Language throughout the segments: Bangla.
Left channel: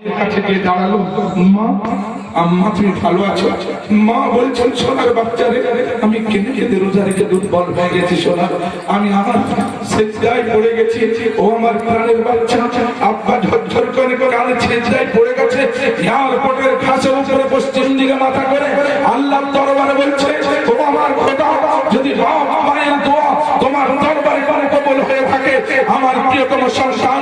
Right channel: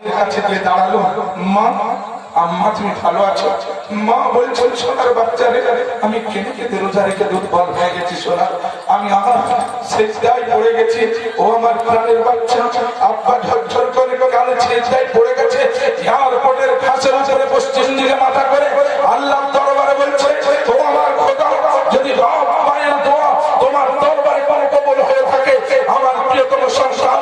কাছে গিয়ে দাঁড়ালো, মা আম্মা তুমি ভালো আছো? মা বলছেন, সোনার বাচ্চারে আমি কেঁদে কেঁদে রোজা রেখে দুর্বল হয়ে গেছি সোনা, আমি আমার সেজদায় পড়ে গেছি। ও আমার প্রাণের বাচ্চা, আব্বা ঝরঝর করে করে আমি সেজদায় পড়ে গেছে। এয়ারপোর্টের ঘাসের উপরে পশ্চিম দিকে মাথা করে আল্লাহ দরবারে বলছে, ও আমার খোদা, যদি বাপ মায়ের দোয়া তোমার দরবারে করে কবুল হয়ে থাকে, আমার প্রিয়তম সন্তান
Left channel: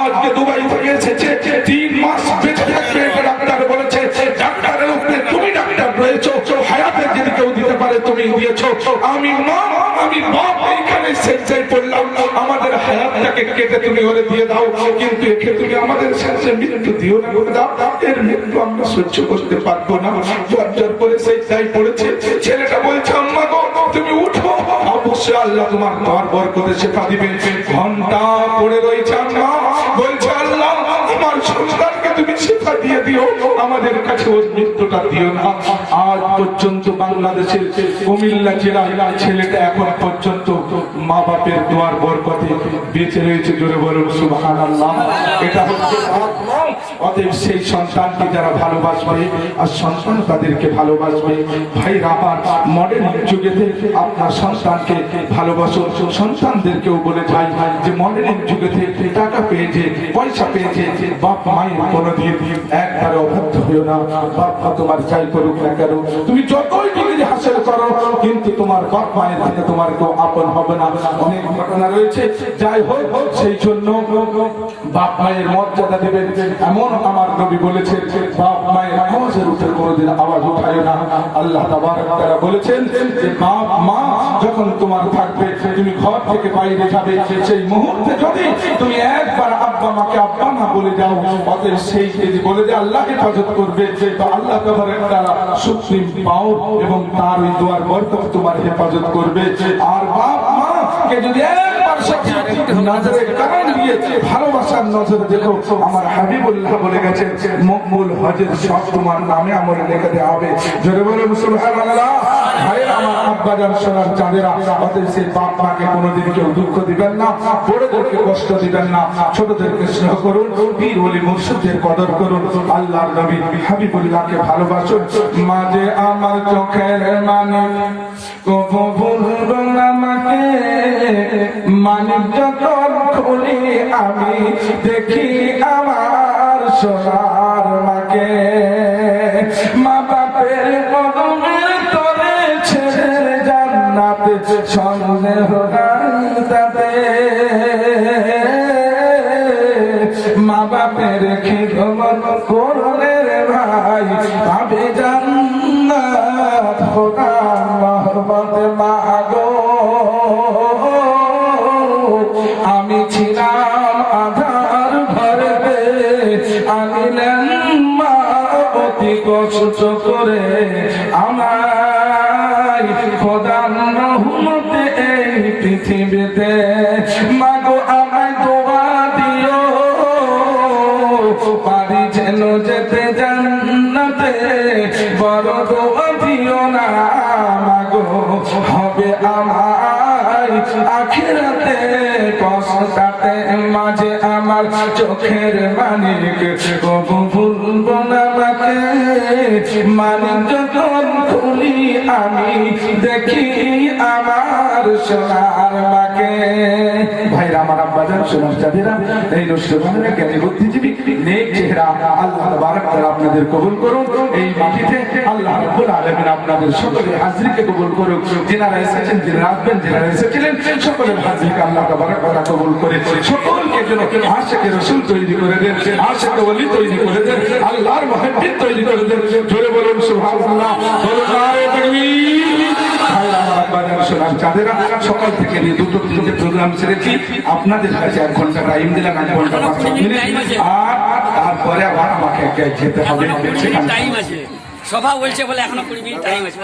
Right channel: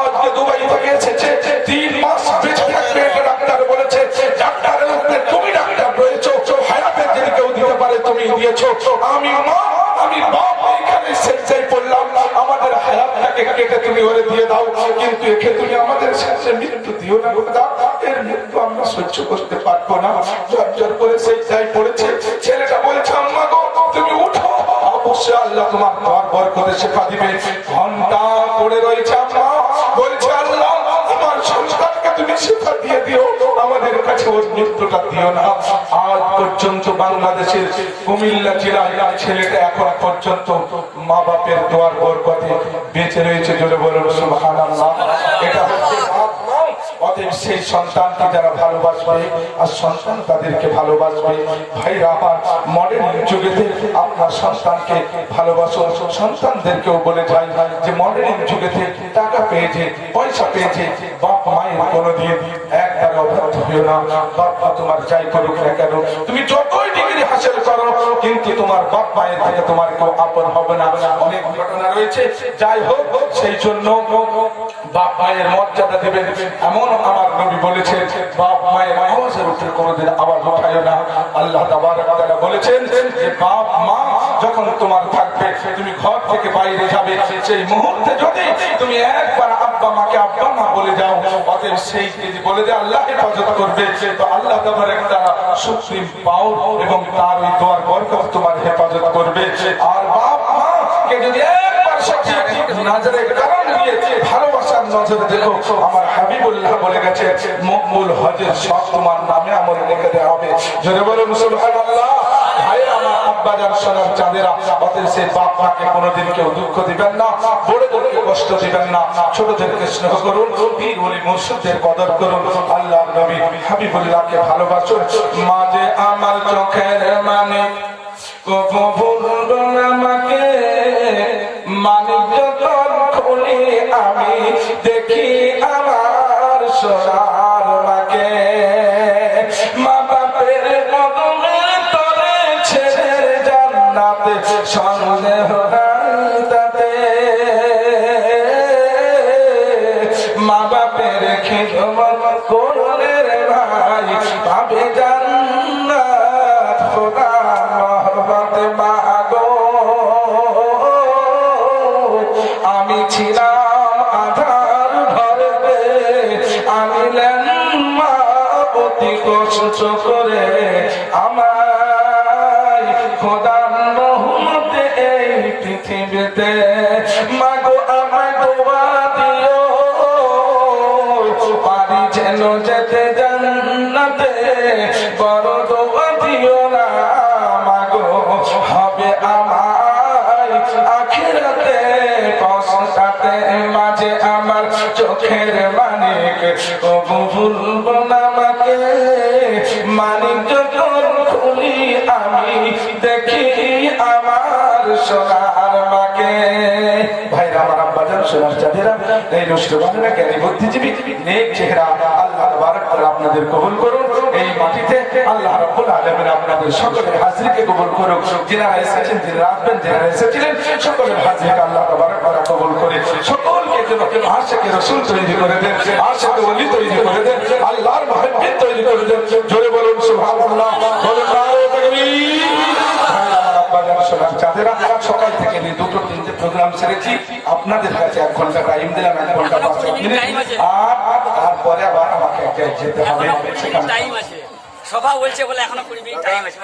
আজকে দুবাই থেকে এসেছে, 3 মাস বেঁচে থাকবে। ডাক্তার বলেছে, ডাক্তারের উপরে তুমি ডাক্তার রয়েছো, হায়াতের যদি কেউ দিতে পারে তুমি দিয়েছো। আমি মা, আমি বাপ এইখানে সেজদায় পড়লাম, আমাদের হায়াতটাকে কেটে তুমি ওরে দিয়ে দাও, কিন্তু একে তুমি আমাদের সাথে মৃত্যু দিও না খোদা, এর মৃত্যু আমরা সহ্য করতে পারবো না। জর্জর করে সেজদায় পড়েছে। ছেলেটা বলছে, আম্মা গো তুমি উঠো, অবশ্যই আল্লাহ তোমার বরকতে শেফা দিবে। ঘন্টা পড়ে রয়েছে, আম্মা বলছে, আল্লাহ আমার সন্তানকে তুমি শেফা দিয়ে দিও, আমাদের কাছে ওর মৃত্যুটা দিও না। আজ পর্যন্ত বাংলাদেশের কুমিল্লা জেলায় ছেলেটা এখন পর্যন্ত মা বাপের দোয়ার বরকতে বেঁচে রয়েছে। জোরে বলুন সুবহানাল্লাহ। এটা হচ্ছে বাপ মা। অতএব সেই সন্তানকে যারা ভালোবাসবে আর সন্তান তাদেরকে ভালোবাসবে। ভাইরা আমার, মডার্ন যুগেতে আপনার সন্তানকে ভালোবাসো। সন্তানদেরকেও বলে যাই যে মডার্ন যুগেতে টাকা পেয়েছে, পয়সা পেয়েছে, বাপ মায়ের কোনোদিন একবার অবাধ্য হইও না। বাপ মা তোমার যাই করুক না কেন, তুমি যতই ডিগ্রি হাসিল করো, কিন্তু তোমার বাপ মায়ের থেকে তোমার কেউ আপন হবে না। অনেক ঘটনা রয়েছে, যাই হোক সেই জন্য বাপ মায়ের মর্যাদা দেবেন। এমন আমার নবী বলেছেন, বাপ মায়ের আওয়াজের উপরে কোনোদিন আওয়াজ উঠায় না। আল্লাহ তাবারক তাআলা বলেছেন যে বাপ মা যখন তোমার থাকবে, তুমি ঘর থেকে বাইরে যাবে, সেই মুহূর্তে যদি তুমি একবার আব্বা মাকে আব্বা মা বলে যাও, অতএব সেই যদি বলে যে আল্লাহ হেফাজত করবে, তো আল্লাহ তাবারক তাআলা সুপ্রিম পাওয়ার এবং তার এই দোয়ার বরকত তোমার হেফাজত করবে। আর বাপ মাকে যদি একবার সত্যি নজরে কারণ দিয়ে ভালোবাসার নজরে দেখো, আমার হাবিবুল্লাহ বলে গেছে, মকবুল হজের সব তোমার নামে আমল লিখে দেওয়া হবে। জোরে বলুন সুবহানাল্লাহ। ভাইরা আমার, আব্বাজান সোনার চাঁদেরা, অতএব সেই বাপ মাকে কোনোদিন কেউ দুঃখ দিবেন না, বড়দেরকে কষ্ট দিবেন না, ছোটদেরকে স্নেহ করুন, পীর ওলি মুর্শিদদের কদর করুন, আল্লাহর নবী হাবিবুল্লাহকে ভালোবাসুন। মাঝে আমার চোখের মানে কবু ভুলবো না আমাকে, মানিক যখন খুলি আমি দেখি আমার সোনার মাকে। মা বাপের কদমের তলে ছেড়ে জান্নাত সন্দেহ নাই তাতে, মা বাপের খিদমত করলে রে ভাই পাবে জান্নাত। খোদা মহব্বত মাগো, আমি ছিলাম আধার ঘরে, আমি মা অতি কষ্ট করে আমায় খোদার রহমতে এই পৃথিবীতে। মাগো আমায় দোয়া দিও, পারি যেন যেতে জান্নাতে, বড় দোয়া দিও না মাগো, হবে আমার আখিরাতে কষ্টাতে। মাঝে আমার চোখের মানিক কবু ভুলবো না আমাকে, মানিক যখন খুলি আমি দেখি আমার সোনার মাকে। ভাইরা আমার, আব্বাজান সোনার চাঁদেরা, এই নষ্ট বাংলা জ্ঞানী বুদ্ধিজীবী নেক চেহারা আল্লাহ তাবারক তাআলা আপনাদের কবুল করুন। এই মাটিতে আল্লাহ রাব্বুল আলামিন আপনাদের সকলের হাজরিকে কবুল করুন। যারা এসেছেন, যারা আসবেন, যারা এসেছিলেন, সকলের হাজরিকে আল্লাহ তাবারক তাআলা কবুল করে সকলকে যেন আশিকে রাসূল তৈরি করে দেন, আশিকে ওলি তৈরি করে দেন, আল্লাহর মুহিব্বিন তৈরি করে দেন। জোরে বলুন সুবহানাল্লাহ, বলুন নারে তাকবীর। চাঁদেরা সকাল থেকে নিয়ে 2-3টে প্রোগ্রাম সেরেছি, আপনাদের কাছে 1 ঘন্টা টাইম দিলাম, 1 ঘন্টা 5 মিনিট, আর তারপরে আবার আমাকে যেতে হবে। সভা বলছে বলে এখনো 20 মিনিট টাইম আছে।